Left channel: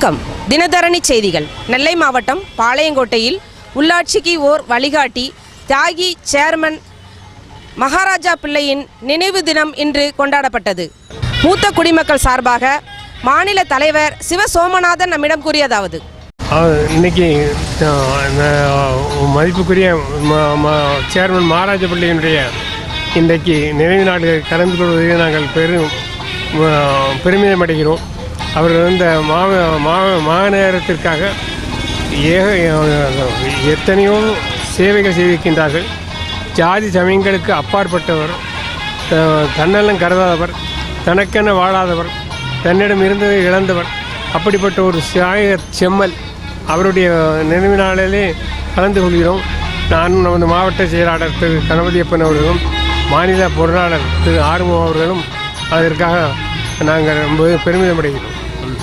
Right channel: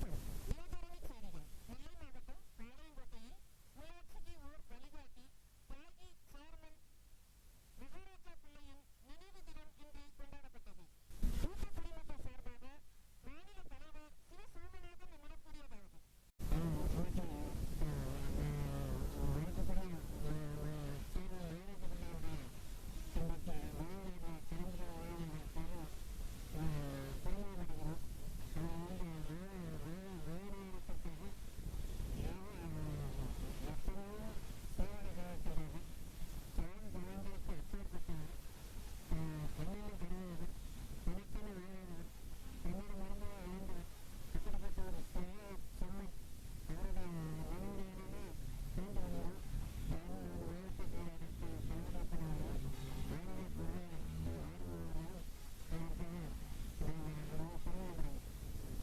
வணக்கம். தினதரணி செய்திகள். நெல்லை மாவட்டம் பாளையங்கோட்டையில் உள்ளாட்சிக்கு ஓர் வழிகாட்டி தியாகி சேர்மன் மகாராஜா பிள்ளையின் நினைவு தினம் இன்று கொண்டாடப்பட்டது. மூத்த குடிமக்கள் சார்பாக மாநில தலைவர் சிவ சோமநாதன் நம்மிடம் கூறியதாவது: இன்னைக்கு மதிப்புக்குரிய சேர்மன் மகாராஜா பிள்ளையினுடைய இன்றைக்கு நினைவு நாள் கலந்து கொள்வதில் நாங்கள் பெருமிதம் அடைகிறோம். அவர்கள் இந்த மாநகரத்திற்காக எத்தனையோ சேவைகள் செய்திருக்கின்றார்கள். ஜாதி சமயங்களுக்கு அப்பாற்பட்டவர், தன்னலம் கருதாதவர், தனக்கென வாழாதவர், தன்னிடம் இருந்ததை இழந்தவர், அப்படிப்பட்ட ஒரு செம்மல் அவருடைய நினைவு நாளிலே கலந்து கொள்கிறோம். நானும் நமது மாவட்ட செயலாளர் திரு கணபதியப்பன் அவர்களும் மாநில பொருளாளர் திரு ஆறுமுகம் அவர்களும் அதற்காக நாங்கள் ரொம்ப பெருமிதம் அடைகிறோம்.